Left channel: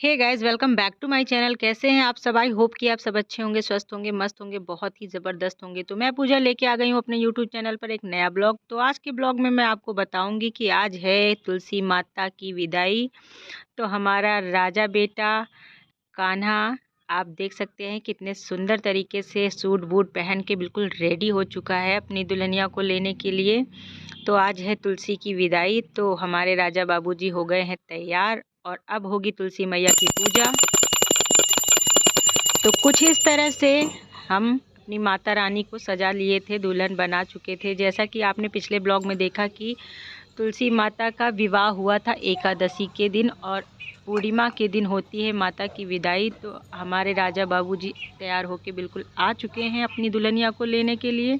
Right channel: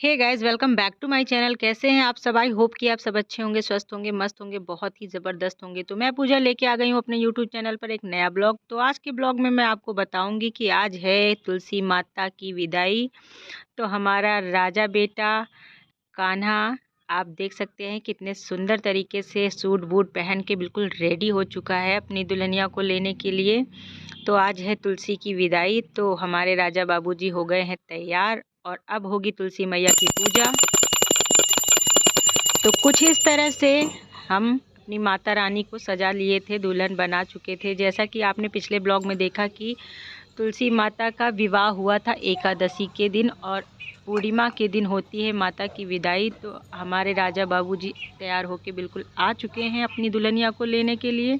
Hey guys, welcome back to my channel. कैसे हैं आप सब? आई होप कि आप सब अच्छे होंगे, स्वस्थ होंगे, मस्त होंगे, बहुत ही ज़बरदस्त होंगे। तो मैं पूजा लेके आ गई हूँ अपने यूट्यूब चैनल पर एक नया ब्लॉग। तो आज के ब्लॉग में मैं आपको बताऊंगी कि आज है तुलसी माता की विदाई। तो हमारा राजा बेटा कान्हा, आप देख सकते हैं कितने सुंदर तरीके से सूट बूट पहन के बिल्कुल रेडी हो चुका है अपनी दुल्हनिया को लेने के लिए। तो आज है तुलसी की विदाई। तो हमारे राजा बाबूजी हो गए हैं तैयार और अब होगी तुलसी मैया की पूजा। तो कुछ इस तरह से हम अपनी माता रानी को सजा लिए थे, दुल्हन बना चुके थे। जैसा कि आपने पिछले ब्लॉग में देखा कि तुलसी माता का विवाह हुआ था एकादशी के दिन और पूर्णिमा के दिन होती है माता की विदाई। तो हमारे राजा बाबूजी तैयार होके बिल्कुल आ चुके हैं अपनी दुल्हनिया को लेने के लिए।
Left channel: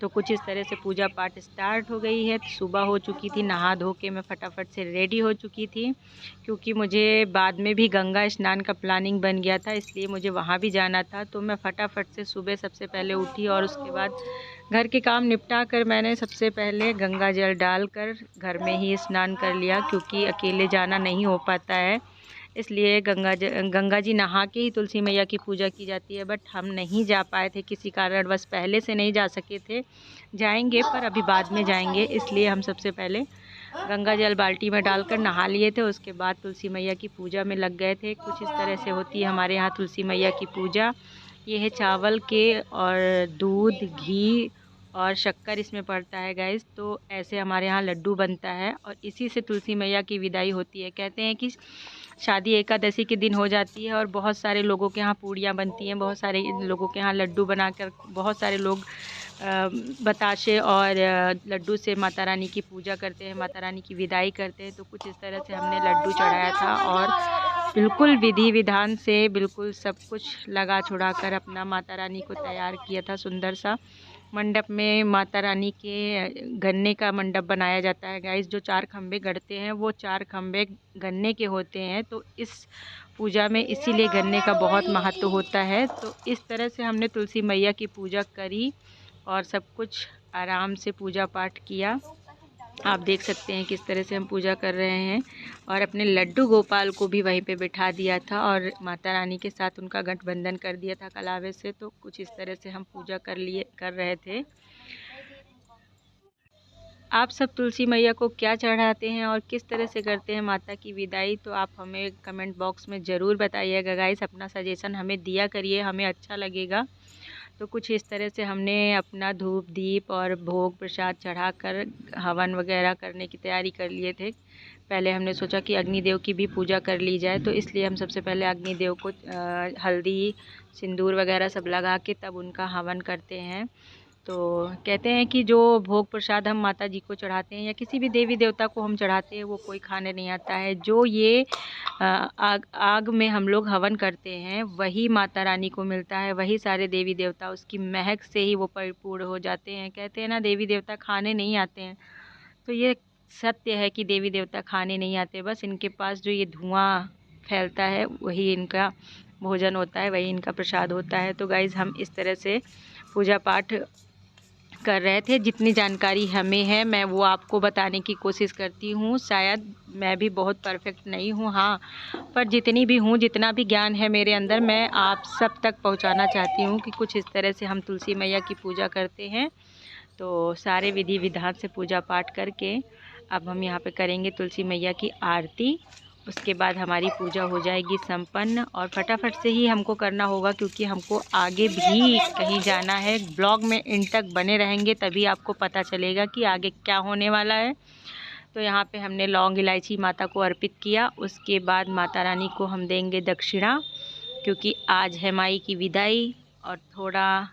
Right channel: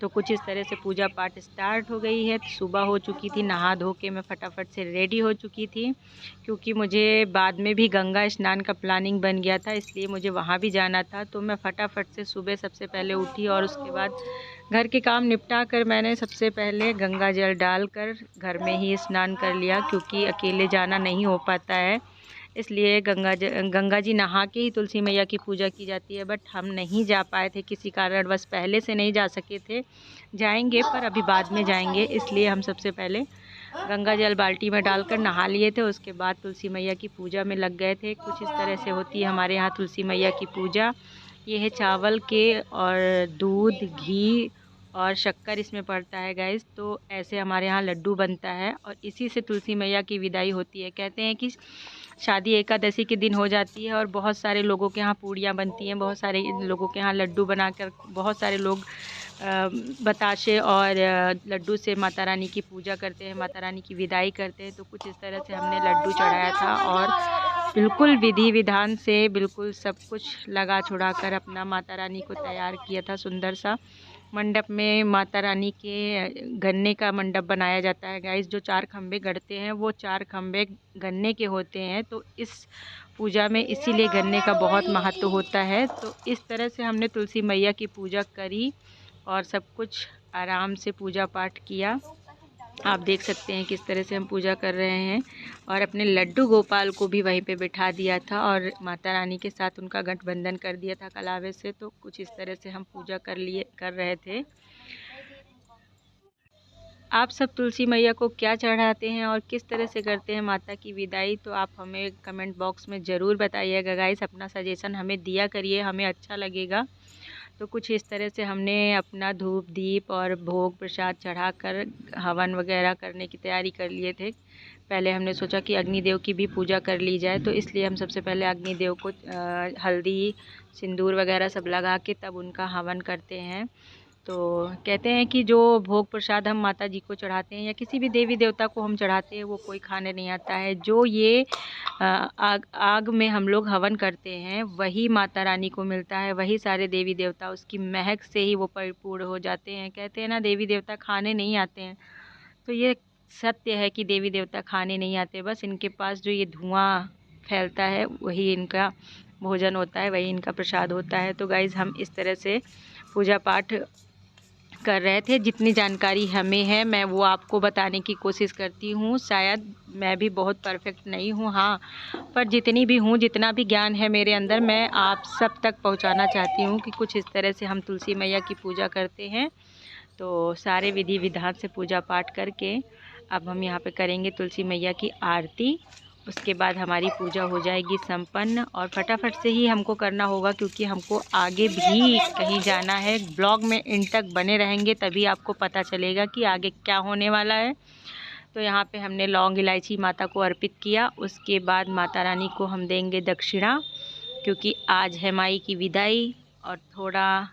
तो कुछ इस तरह से पूजा पाठ स्टार्ट हो गई है। सुबह हो चुकी थी, नहा धो के मैं फटाफट से रेडी हो चुकी थी क्योंकि मुझे बाद में भी गंगा स्नान का प्लानिंग बन गया था, इसलिए मुझे वहाँ भी जाना था। तो मैं फटाफट से सुबह सबसे पहले उठी और उसके बाद घर के काम निपटा कर मैंने सबसे पहले गंगा जल डालकर घर में ही स्नान कर लिया क्योंकि अकेले जाना नहीं हो पाता है। इसलिए गंगा जी नहा के ही तुलसी मैया की पूजा की जाती है। बट हम नहीं जा पाए थे, किसी कारणवश पहले से नहीं जा सके थे। जाएंगे पर अभी बाद में जाएंगे, इसलिए हम सबसे पहले गंगा जल बाल्टी में डालकर नहा लिए थे। उसके बाद तुलसी मैया की पूजा में लग गए थे। कुछ इस तरह से होती है हमारे यहाँ तुलसी मैया की पूजा। ये है चावल के और दूध, घी और शक्कर इसमें पड़ता है गाइस। तो ऐसे हमारे यहाँ लड्डू बनता है और इसी से तुलसी मैया की विदाई होती है। कहते हैं कि शादी एकादशी के दिन हो जाती है और बहुत सारे लोगों के यहाँ पूड़ियाँ बनती हैं, बहुत सारे लोगों के यहाँ लड्डू बनाकर बहुत सारे लोग बताशे और लड्डू से माता रानी की पूजा करते हैं, माता रानी की विदाई करते हैं। तो कुछ इस तरह से हमने लड्डू चढ़ाया था और बिल्कुल विधि विधान से बिल्कुल सब कुछ लगा छुड़ा कर अपना माता रानी को तैयार किया था। सुंदर सा मंडप में माता रानी के गन्ने का मंडप बनाया जाता है गाइस। जो 4 खम्भे गढ़ते हैं वो 4 खम्भे गन्ने के होते हैं। तो इस पूजा में इसीलिए गन्ने का बहुत महत्व होता है। तो इस तरह से हमने तुलसी मैया की पूजा करी और सब कुछ आराम से पूजा पाठ किया। आप देख सकते हैं किस तरह से हम पूजा कर रहे हैं और अपने लड्डू गोपाल को भी वहीं पे बिठा दिया था और माता रानी के साथ उनका गठबंधन कर दिया था कलावे से। तो कुछ इस तरह से हम पूजा कर रहे थे। आप सब तुलसी मैया को क्या चढ़ाते हैं और किस तरह से करते हैं माता की विदाई? तो आप हमें कमेंट बॉक्स में ज़रूर बताइएगा गाइस। अपना सजेशन हमें दिया करिए, हमें अच्छा लगेगा। तो कुछ इस तरह से हमने अपना धूप दीप और भोग प्रसाद चढ़ाकर हवन वगैरह करने की तैयारी कर लिए थे। पहले हमने सोचा कि अग्निदेव की भी पूजा कर ली जाए, तो इसलिए हम सबसे पहले अग्निदेव को हल्दी सिंदूर वगैरह सब लगा के तब उनका हवन करते हैं। तो कहते हैं कि जो भोग प्रसाद हम माता जी को चढ़ाते हैं या किसी भी देवी देवता को हम चढ़ाते हैं वो कोई खाने नहीं आता है। जो ये आग में हम लोग हवन करते हैं वही माता रानी को मिलता है, वही सारे देवी देवता उसकी महक से ही वो परिपूर्ण हो जाते हैं। कहते हैं ना देवी देवता खाने नहीं आते हैं, तो ये सत्य है कि देवी देवता खाने नहीं आते, बस इनके पास जो ये धुआं फैलता है वही इनका भोजन होता है, वही इनका प्रसाद होता है। तो गाइज़ हम इस तरह से पूजा पाठ कर रहे थे। जितनी जानकारी हमें है मैं वो आपको बताने की कोशिश करती हूँ। शायद मैं भी बहुत परफेक्ट नहीं हूँ, हाँ, पर जितनी भी हूँ, जितना भी ज्ञान है मेरे अंदर मैं आप सब तक पहुँचाना चाहती हूँ कि कुछ इस तरह से हम तुलसी मैया की पूजा करते हैं। तो सारे विधि विधान से पूजा पाठ करके अब हम यहाँ पे करेंगे तुलसी मैया की आरती। उसके बाद हमारी पूजा हो जाएगी संपन्न और फटाफट से ही हमको करना होगा क्योंकि हमको आगे भी कहीं जाना है। ब्लॉग में एंड तक बने रहेंगे तभी आपको पता चलेगा कि आगे क्या होने वाला है। तो यहाँ पे हमने लौंग इलायची माता को अर्पित किया। उसके बाद माता रानी को हम देंगे दक्षिणा क्योंकि आज है माई की विदाई और थोड़ा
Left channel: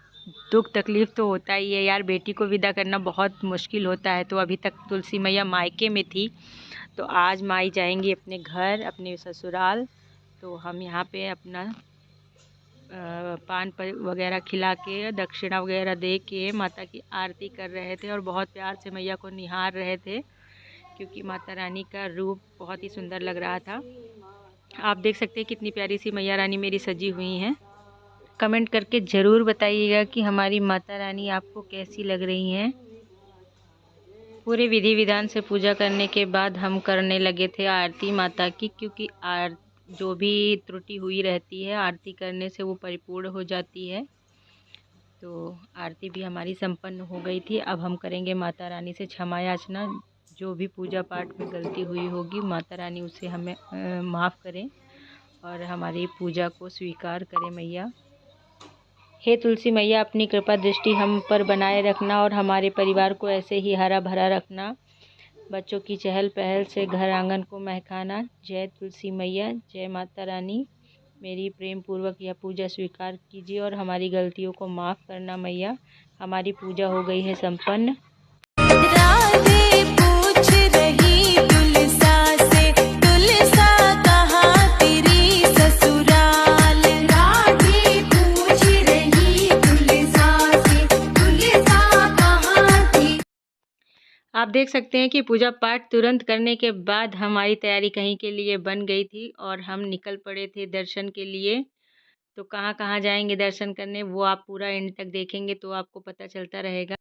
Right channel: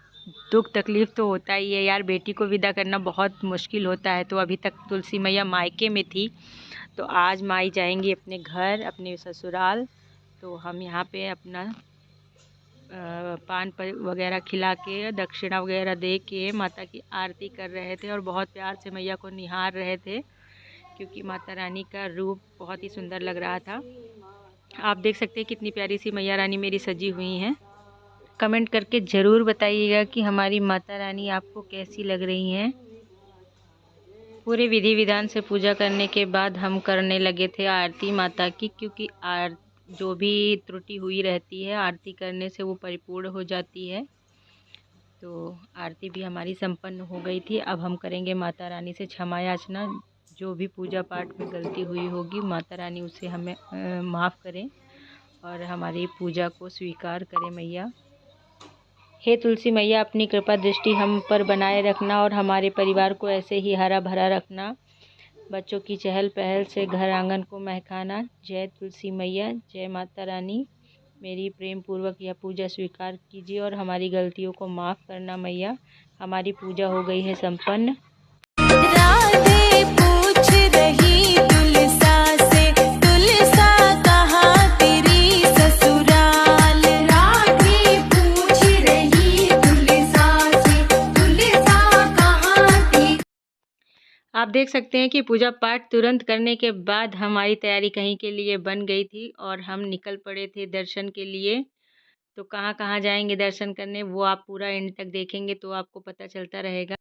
दुख तकलीफ़ तो होता ही है यार, बेटी को विदा करना बहुत मुश्किल होता है। तो अभी तक तुलसी मैया मायके में थी, तो आज माई जाएंगी अपने घर, अपने ससुराल। तो हम यहाँ पे अपना पान वगैरह खिला के दक्षिणा वगैरह दे के माता की आरती कर रहे थे और बहुत प्यार से मैया को निहार रहे थे क्योंकि माता रानी का रूप बहुत ही सुंदर लग रहा था। आप देख सकते हैं कितनी प्यारी सी मैया रानी मेरी सजी हुई हैं। कमेंट करके ज़रूर बताइएगा कि हमारी माता रानी आपको कैसी लग रही हैं। पूरे विधि विधान से पूजा करने के बाद हम करने लगे थे आरती माता की, क्योंकि जो भी त्रुटि हुई रहती है आरती करने से वो परिपूर्ण हो जाती है। तो आरती भी हमारी संपन्न हो गई थी। अब हम करेंगे माता रानी से क्षमा याचना। जो भी पूजा पाठ में गलती हुई होगी माता रानी उसे हमें माफ़ करें और हमारी पूजा को स्वीकार करें मैया। हे तुलसी मैया, अपनी कृपा दृष्टि हम पर बनाए रखना और हमारे परिवार को ऐसे ही हरा भरा रखना। बच्चों की चहल पहल से घर आंगन को महकाना। जय तुलसी मैया, जय माता रानी। मेरी प्रेम पूर्वक यह पूजा स्वीकार कीजिए और हमारी गलतियों को माफ़ करना मैया। हमारी पूजा हो गई है संपन्न। राधे पूछ रही तुलसा से, तुलसा कहाँ तेरी ससुराल। राधे पूछ रही तुलसा से, तुलसा कहाँ तेरी। आप देख सकते हैं कि पूजा पाठ तुरंत करने के बाद हमारी तैयारी कहीं के लिए बन गई थी और हम निकल पड़े थे दर्शन के लिए। तो कहाँ कहाँ जाएंगे दर्शन करने वो आप पूरा एंड तक देखेंगे तो आपको पता चलता रहेगा।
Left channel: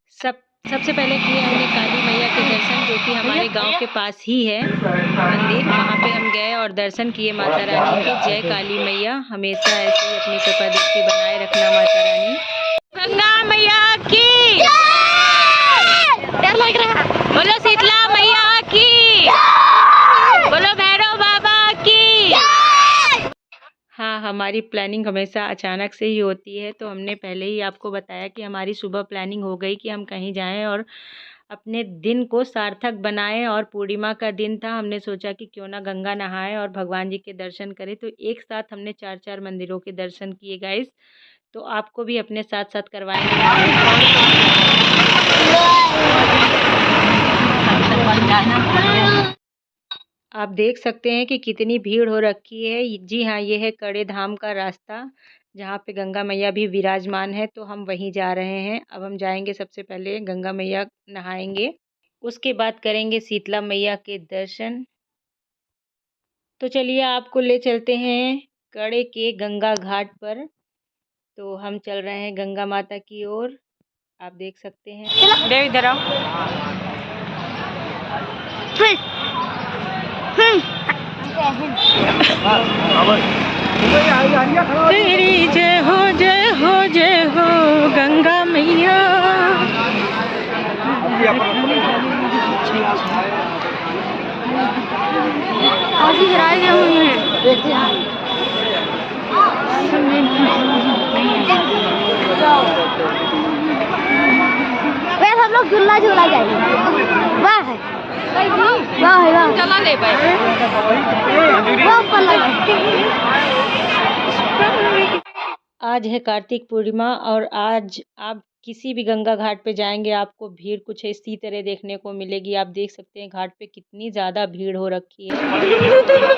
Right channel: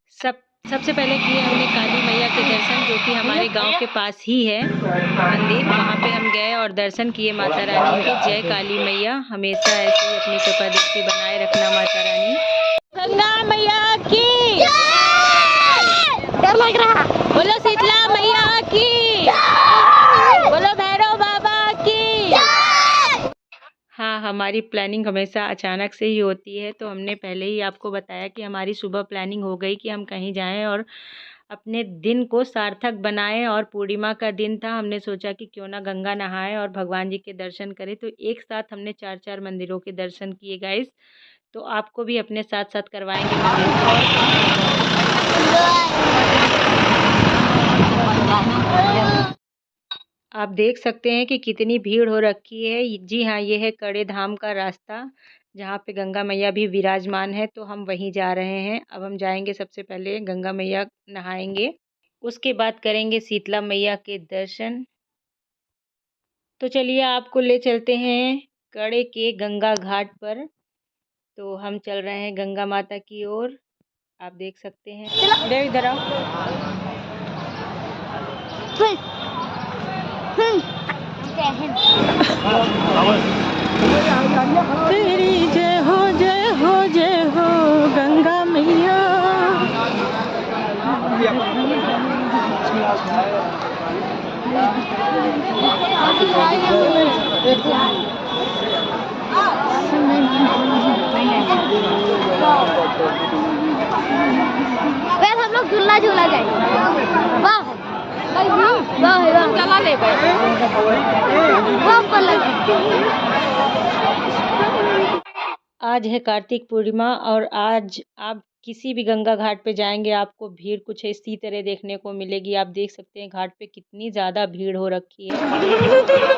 सबसे पहले किए हमने काली मैया के दर्शन, जो कि हमारे गांव के पास ही है मंदिर। वहां पे हम गए और दर्शन किए माता रानी के। जय काली मैया, हमेशा ऐसे ही अपनी कृपा दृष्टि बनाए रखना माता रानी। गंगा मैया की डर लग रहा। बोलो शीतला मैया की, बोलो भैरव बाबा की। हाँ, हमारी प्लानिंग हमेशा अचानक से ही होती है। तो हमने पहले ही आपको बताया कि हमारी सुबह प्लानिंग हो गई कि हम कहीं जाएं और अपने दिन को सार्थक बनाएं। और पूर्णिमा का दिन था, हमने सोचा कि क्यों ना गंगा नहाएं और भगवान जी के दर्शन करें। तो एक साथ हमने 4-4 मंदिरों के दर्शन किए गाइस। तो आपको भी अपने साथ साथ करवाएंगे। आप देख सकते हैं कि कितनी भीड़ हो रखी है। जी हाँ, ये है कड़े धाम का रास्ता जहाँ पे गंगा मैया भी विराजमान है। तो हम वहीं जा रहे हैं। अब हम जाएंगे, सबसे पहले गंगा मैया नहाएंगे, उसके बाद करेंगे शीतला मैया के दर्शन। तो चलिए आपको ले चलते हैं कड़े के गंगा घाट पर। तो हम चल रहे हैं गंगा माता की ओर। आप देख सकते हैं। देव इधर आओ। तेरी जय हो जय हो जय हो गंगा मैया। हम लोग झूला झूला जाएंगे। आज है कार्तिक पूर्णिमा और आज आप किसी भी गंगा घाट पे जाएंगे आपको भीड़ कुछ इसी तरह देखने को मिलेगी। आप देख सकते हैं घाट पे कितनी ज़्यादा भीड़ हो रखी है।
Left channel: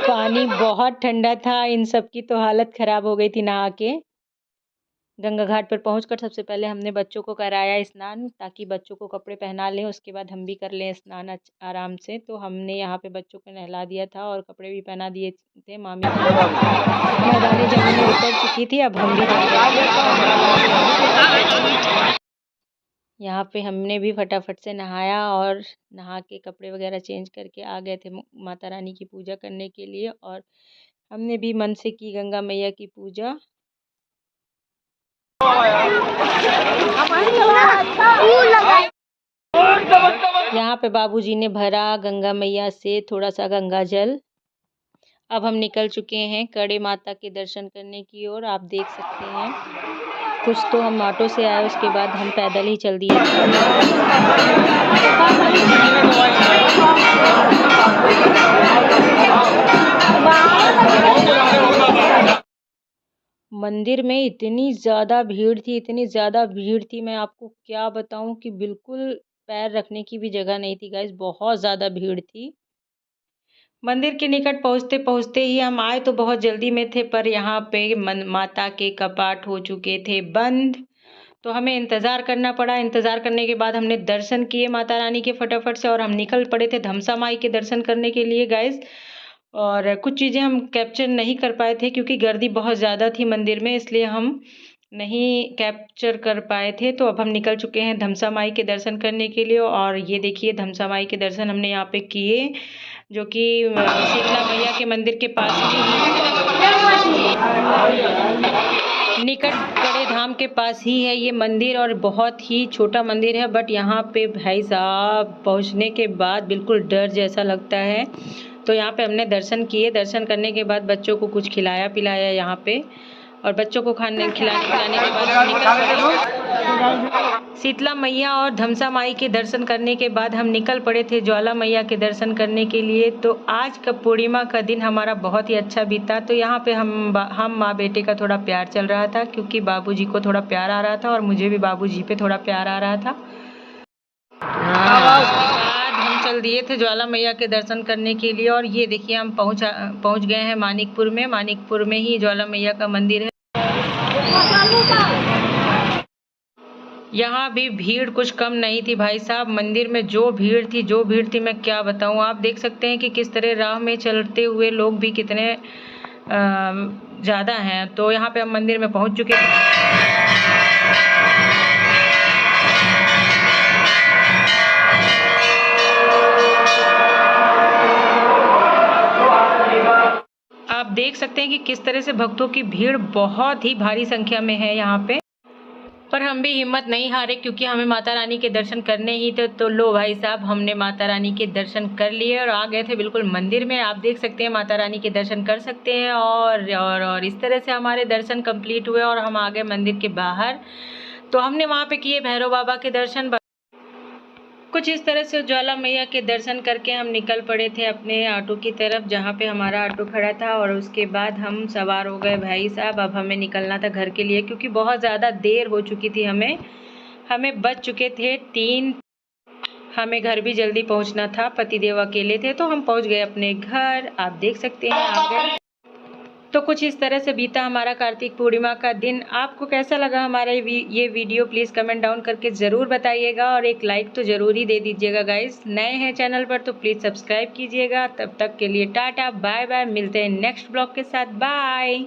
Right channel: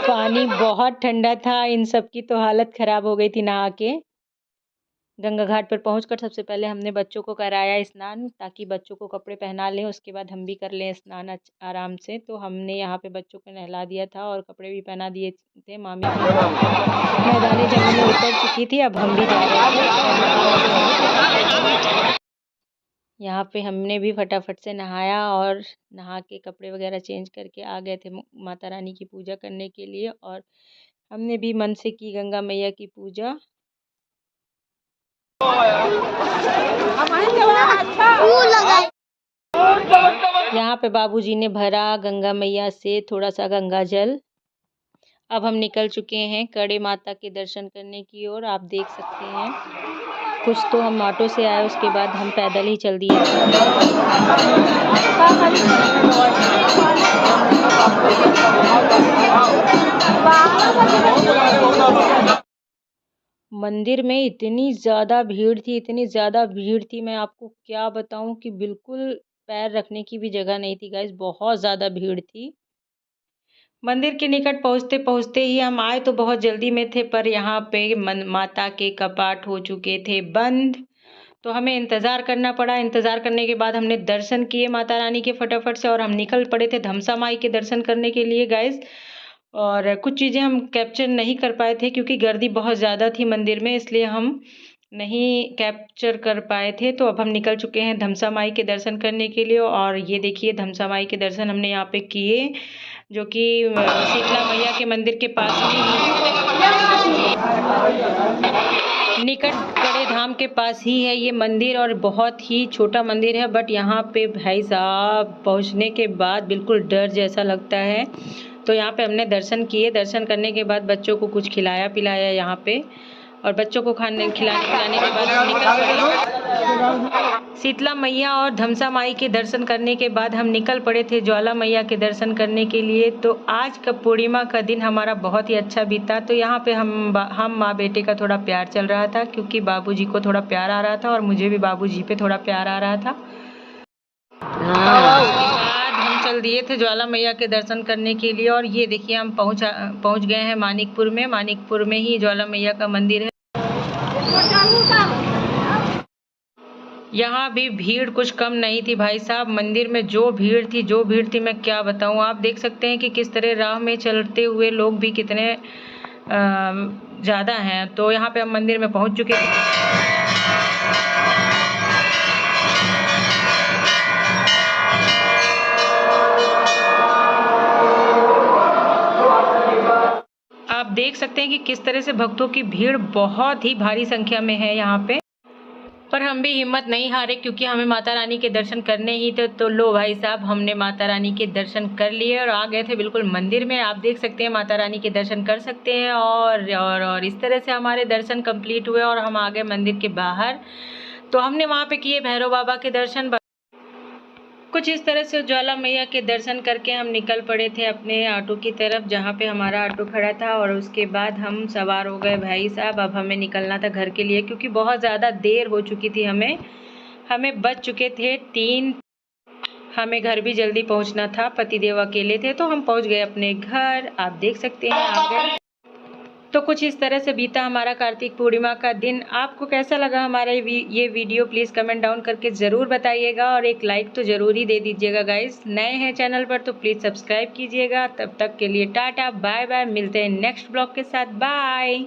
पानी बहुत ठंडा था, इन सब की तो हालत ख़राब हो गई थी नहा के। गंगा घाट पर पहुंचकर सबसे पहले हमने बच्चों को कराया स्नान, ताकि बच्चों को कपड़े पहना लें, उसके बाद हम भी कर लें स्नान आराम से। तो हमने यहाँ पे बच्चों को नहला दिया था और कपड़े भी पहना दिए थे। मामी मैदानी जंगल में उतर चुकी थी, अब हम भी जा रहे थे। यहाँ पे हमने भी फटाफट से नहाया और नहा के कपड़े वगैरह चेंज करके आ गए थे माता रानी की पूजा करने के लिए। और हमने भी मन से की गंगा मैया की पूजा। यहाँ पे बाबूजी ने भरा गंगा मैया से थोड़ा सा गंगा जल। अब हम निकल चुके हैं कड़े माता के दर्शन करने की ओर। आप देख सकते हैं कुछ तो हम ऑटो से आए, उसके बाद हम पैदल ही चल दिए थे। मंदिर में इतनी ज़्यादा भीड़ थी, इतनी ज़्यादा भीड़ थी, मैं आपको क्या बताऊं कि बिल्कुल पैर रखने की भी जगह नहीं थी गाइस, बहुत ज़्यादा भीड़ थी। मंदिर के निकट पहुंचते पहुंचते ही हम आए तो बहुत जल्दी में थे, पर यहाँ पे माता के कपाट हो चुके थे बंद। तो हमें इंतज़ार करना पड़ा। इंतज़ार करने के बाद हमने दर्शन किए माता रानी के फटाफट से और हम निकल पड़े थे धमसा माई के दर्शन करने के लिए गाइस। और कुछ चीज़ें हम कैप्चर नहीं कर पाए थे क्योंकि गर्दी बहुत ज़्यादा थी मंदिर में, इसलिए हम नहीं कैप्चर कर पाए थे। तो अब हम निकल चुके हैं धमसा माई के दर्शन करने के लिए। और ये देखिए धमसा माई के दर्शन हमने यहाँ पे किए, जो कि शीतला मैया के मंदिर के पास में ही। निकट कड़े धाम के पास ही है ये मंदिर और बहुत ही छोटा मंदिर है, बट यहाँ पे भाई साहब पहुँचने के बाद बिल्कुल डर जैसा लगता है। तो यहाँ पे हमने दर्शन किए, दर्शन करने के बाद बच्चों को कुछ खिलाया पिलाया यहाँ पे, और बच्चों को खिलाने पिलाने के बाद हम निकल पड़े शीतला मैया और धमसा माई के दर्शन करने के बाद हम निकल पड़े थे ज्वाला मैया के दर्शन करने के लिए। तो आज का पूर्णिमा का दिन हमारा बहुत ही अच्छा बीता। तो यहाँ पे हम माँ बेटे का थोड़ा प्यार चल रहा था, क्योंकि बाबूजी को थोड़ा प्यार आ रहा था और मुझे भी बाबूजी पे थोड़ा प्यार आ रहा था। हम चल दिए थे ज्वाला मैया के दर्शन करने के लिए, और ये देखिए हम पहुँच गए हैं मानिकपुर में। मानिकपुर में ही ज्वाला मैया का मंदिर है। यहाँ भी भीड़ कुछ कम नहीं थी भाई साहब। मंदिर में जो भीड़ थी मैं क्या बताऊँ। आप देख सकते हैं कि किस तरह राह में चलते हुए लोग भी कितने ज़्यादा हैं। तो यहाँ पे हम मंदिर में पहुँच चुके थे। आप देख सकते हैं कि किस तरह से भक्तों की भीड़ बहुत ही भारी संख्या में है यहाँ पे। पर हम भी हिम्मत नहीं हारे, क्योंकि हमें माता रानी के दर्शन करने ही थे। तो लो भाई साहब, हमने माता रानी के दर्शन कर लिए और आ गए थे बिल्कुल मंदिर में। आप देख सकते हैं माता रानी के दर्शन कर सकते हैं, और इस तरह से हमारे दर्शन कंप्लीट हुए और हम आ गए मंदिर के बाहर। तो हमने वहाँ पे किए भैरव बाबा के दर्शन। कुछ इस तरह से ज्वाला मैया के दर्शन करके हम निकल पड़े थे अपने ऑटो की तरफ, जहाँ पे हमारा ऑटो खड़ा था। और उसके बाद हम सवार हो गए भाई साहब। अब हमें निकलना था घर के लिए, क्योंकि बहुत ज़्यादा देर हो चुकी थी। हमें बज चुके थे 3। हमें घर भी जल्दी पहुँचना था, पतिदेव अकेले थे। तो हम पहुँच गए अपने घर। आप देख सकते हैं आ गए। तो कुछ इस तरह से बीता हमारा कार्तिक पूर्णिमा का दिन। आपको कैसा लगा हमारा ये वीडियो, प्लीज़ कमेंट डाउन करके ज़रूर बताइएगा, और एक लाइक तो ज़रूर ही दे दीजिएगा गाइस। नए हैं चैनल पर तो प्लीज़ सब्सक्राइब कीजिएगा। तब तक के लिए टाटा बाय बाय, मिलते हैं नेक्स्ट ब्लॉग के साथ। बाय।